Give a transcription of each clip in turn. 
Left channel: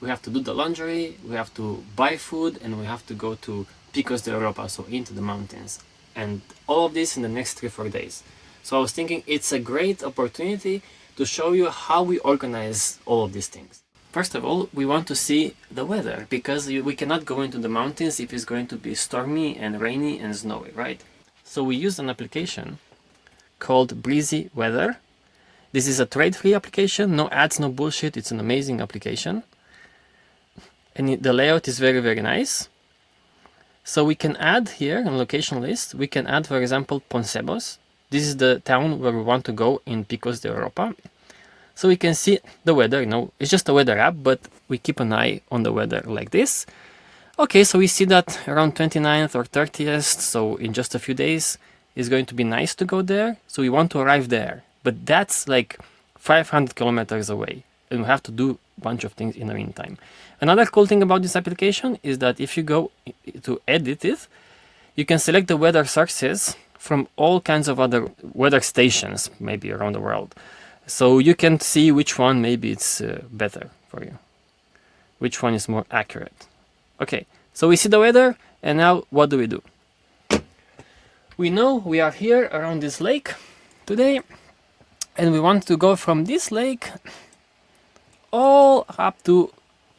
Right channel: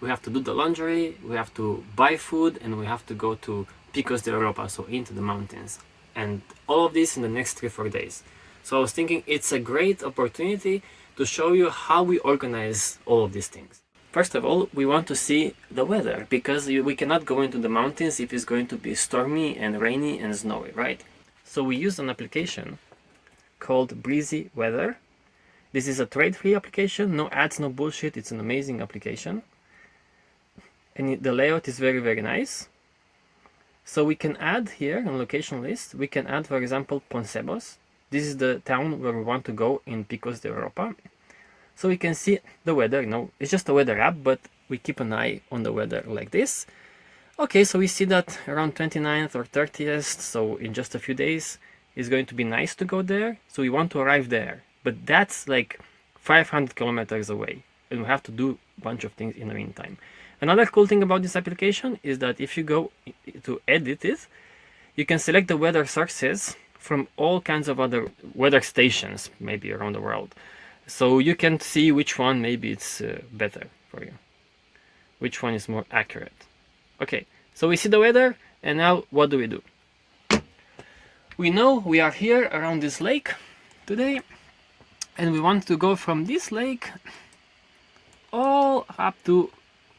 we have to do the laundry, we have to buy food, and we have to go to Picos de Europa, so into the mountains. And all of this in the next 3-4 days. So I was thinking it's a great opportunity to show you how we organize all of these things. First of all, we want to see the weather, because we cannot go into the mountains if it's going to be stormy and rainy and snowy, right? So we use an application called Breezy Weather. This is a trade-free application, no ads, no bullshit. It's an amazing application. And the layout is very, very nice. So we can add here in location list, we can add, for example, Poncebos. This is the town where we want to go in Picos de Europa. So we can see the weather, it's just a weather app, but we keep an eye on the weather like this. Okay, so we see that around 29th or 30th, so in just a few days, it's going to be nice to go there. So we want to arrive there, but that's like 500 kilometers away, and we have to do a bunch of things in the meantime. Another cool thing about this application is that if you go to edit it, you can select the weather sources from all kinds of other weather stations, maybe around the world. So you can see which one maybe it's better for you, which one is more accurate. Okay, so we see the weather, and now what do? We know we are here around this lake today, and we want to go from this lake all up to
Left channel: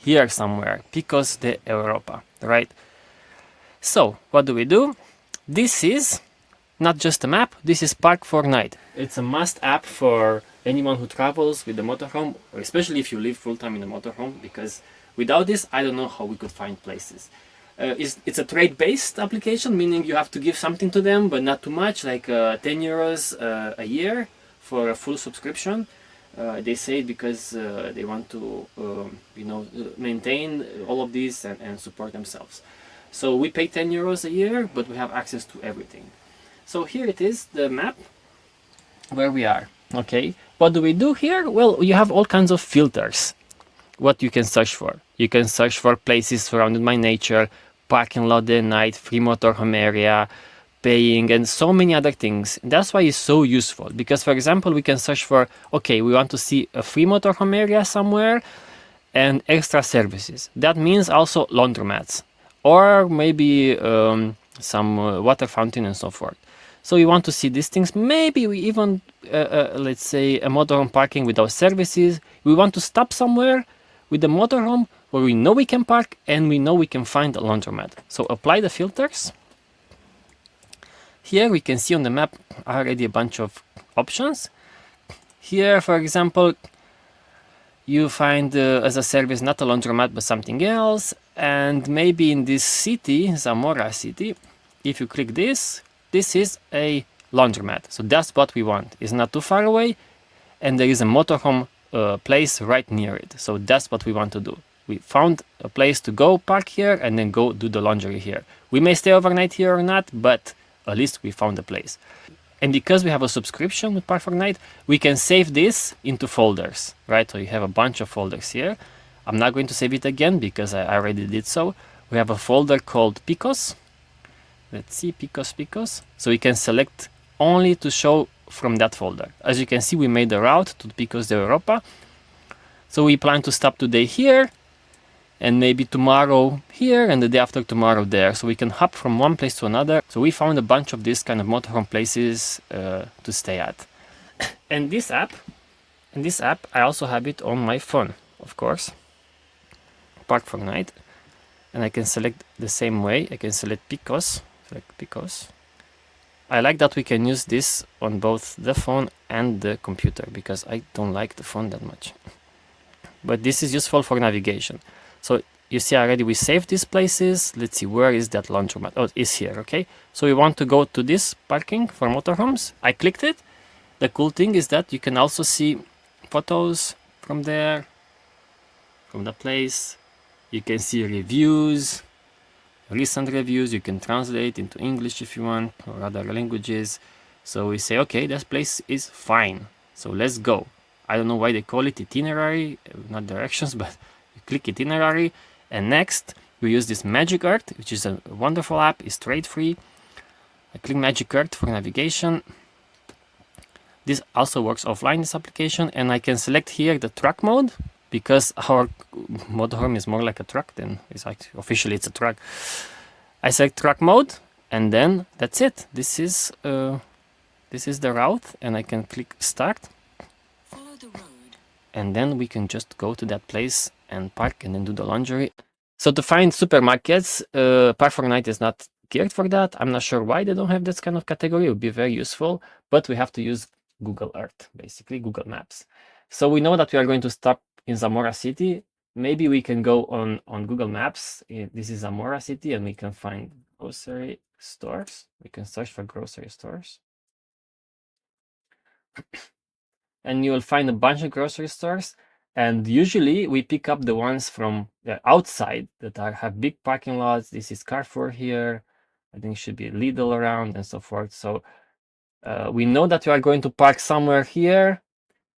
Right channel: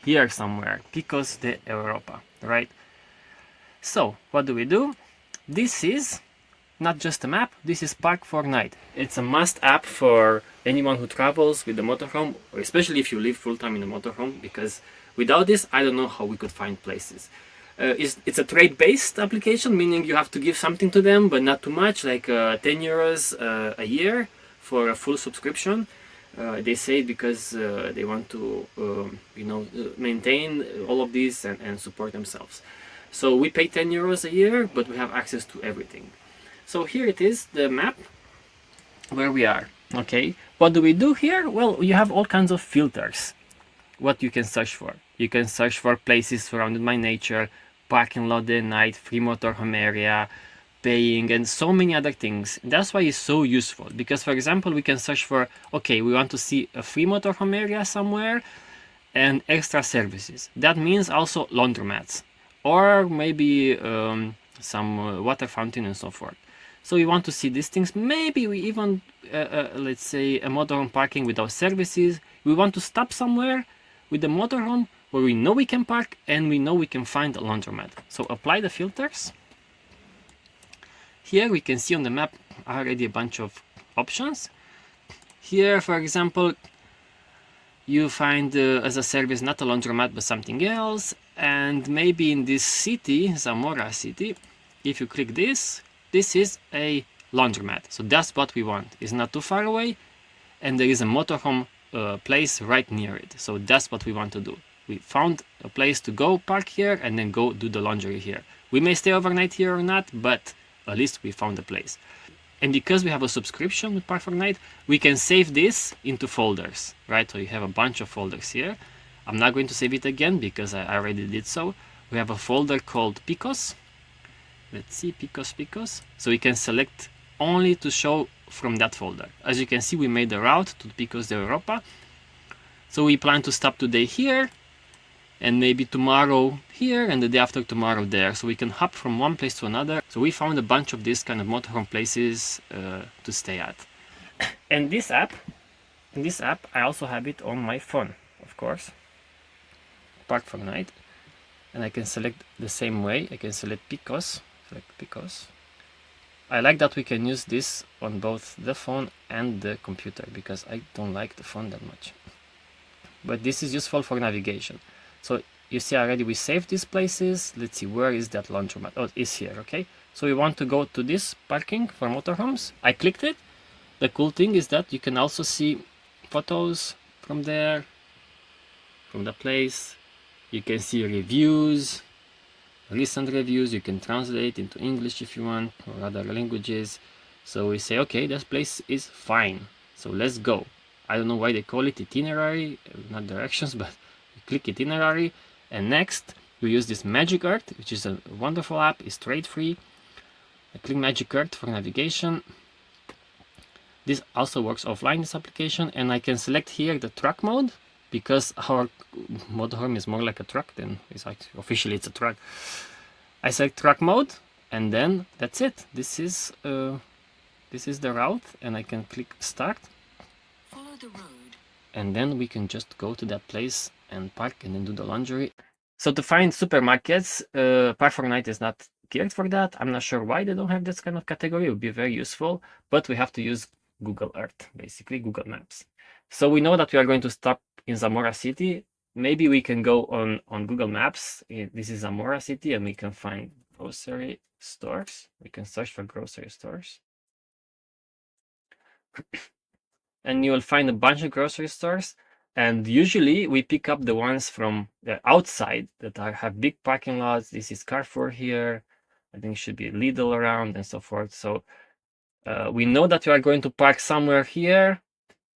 here somewhere, Picos de Europa, right? So what do? This is not just a map, this is Park4Night. It's a must app for anyone who travels with the motorhome, especially if you live full-time in a motorhome, because without this, I don't know how we could find places. It's a trade-based application, meaning you have to give something to them, but not too much, like 10 euros a year for a full subscription. They say it because they want to, maintain all of this and support themselves. So we pay 10 euros a year, but we have access to everything. So here it is, the map where we are. Okay, what do we do here? Well, you have all kinds of filters. What you can search for. You can search for places surrounded by nature, parking lot at night, free motorhome area, paying, and so many other things. That's why it's so useful, because for example, we can search for, okay, we want to see a free motorhome area somewhere and extra services. That means also laundromats, or maybe some water fountain and so forth. So we want to see these things. Maybe we even, let's say, a motorhome parking without services. We want to stop somewhere with the motorhome where we know we can park and we know we can find a laundromat. So apply the filters. Here we can see on the map already a bunch of options. Here, for example, you find as a service not a laundromat but something else. And maybe in this city, Zamora city, if you click this, this is a laundromat. So that's what we want. It's not too far away, and there is a motorhome place right near it. So that's what we want to do. We found a place to go park here and then go do the laundry here. We may stay overnight here or not, but at least we found a place. And because we have a subscription with Park4Night, we can save this into folders, right? So you have a bunch of folders here. I'm not going to save it again because I already did so. We have a folder called Picos. Let's see, Picos. So we can select only to show from that folder. As you can see, we made the route to Picos de Europa. So we plan to stop today here, and maybe tomorrow here, and the day after tomorrow there. So we can hop from one place to another. So we found a bunch of these kind of motorhome places to stay at. And this app, I also have it on my phone, of course. Park4Night. And I can select the same way. I can select Picos. I like that we can use this on both the phone and the computer, because I don't like the phone that much. But this is useful for navigation. So you see already we saved these places. Let's see, where is that laundromat? Oh, it's here, okay? So we want to go to this parking for motorhomes. I clicked it. The cool thing is that you can also see photos from there, from the place. You can see reviews, recent reviews. You can translate into English if you want, or other languages. So we say, okay, this place is fine. So let's go. I don't know why they call it itinerary, not directions, but you click itinerary. And next, we use this Magic Earth, which is a wonderful app. It's trade-free. I click Magic Earth for navigation. This also works offline, this application. And I can select here the truck mode. because our motorhome is more like a truck than it's like officially it's a truck. I select truck mode, and then that's it. This is the route, and I can click start. Follow the road. And then we can just go to that place and park and then do the laundry. So to find supermarkets, Park4Night is not geared for that. I'm not sure why they don't have this kind of category. It would be very useful, but we have to use Google Earth, basically Google Maps. So we know that we are going to stop in Zamora City. Maybe we can go on Google Maps. This is Zamora City, and we can find grocery stores. We can search for grocery stores. And you'll find a bunch of grocery stores. And usually we pick up the ones from the outside that have big parking lots. This is Carrefour here. I think it should be Lidl around and so forth. So we know that we are going to park somewhere here.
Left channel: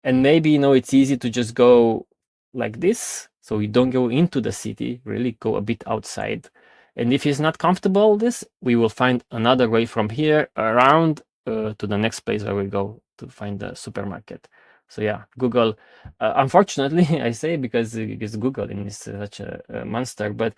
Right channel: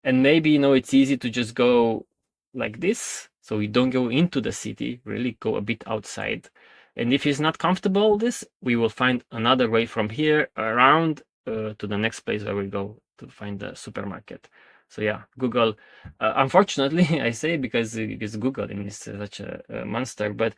And maybe, it's easy to just go like this. So we don't go into the city, really go a bit outside. And if it's not comfortable, we will find another way from here around to the next place where we go to find the supermarket. So yeah, Google, unfortunately, I say because Google is such a monster, but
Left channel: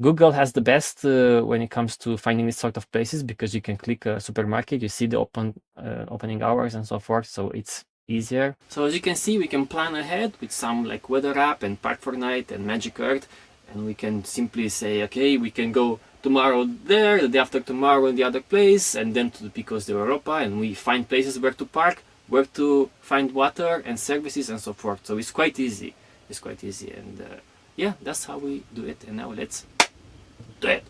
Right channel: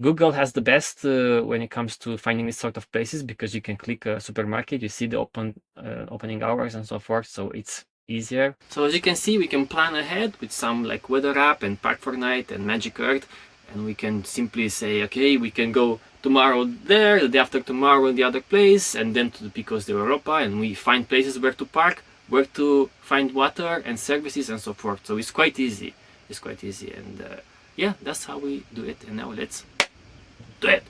Google has the best when it comes to finding these sort of places, because you can click a supermarket, you see the opening hours and so forth, so it's easier. So as you can see, we can plan ahead with some like weather app and Park4Night and Magic Earth, and we can simply say, okay, we can go tomorrow there, the day after tomorrow in the other place, and then to the Picos de Europa, and we find places where to park, where to find water and services and so forth. So it's quite easy. And yeah, that's how we do it. And now let's do it.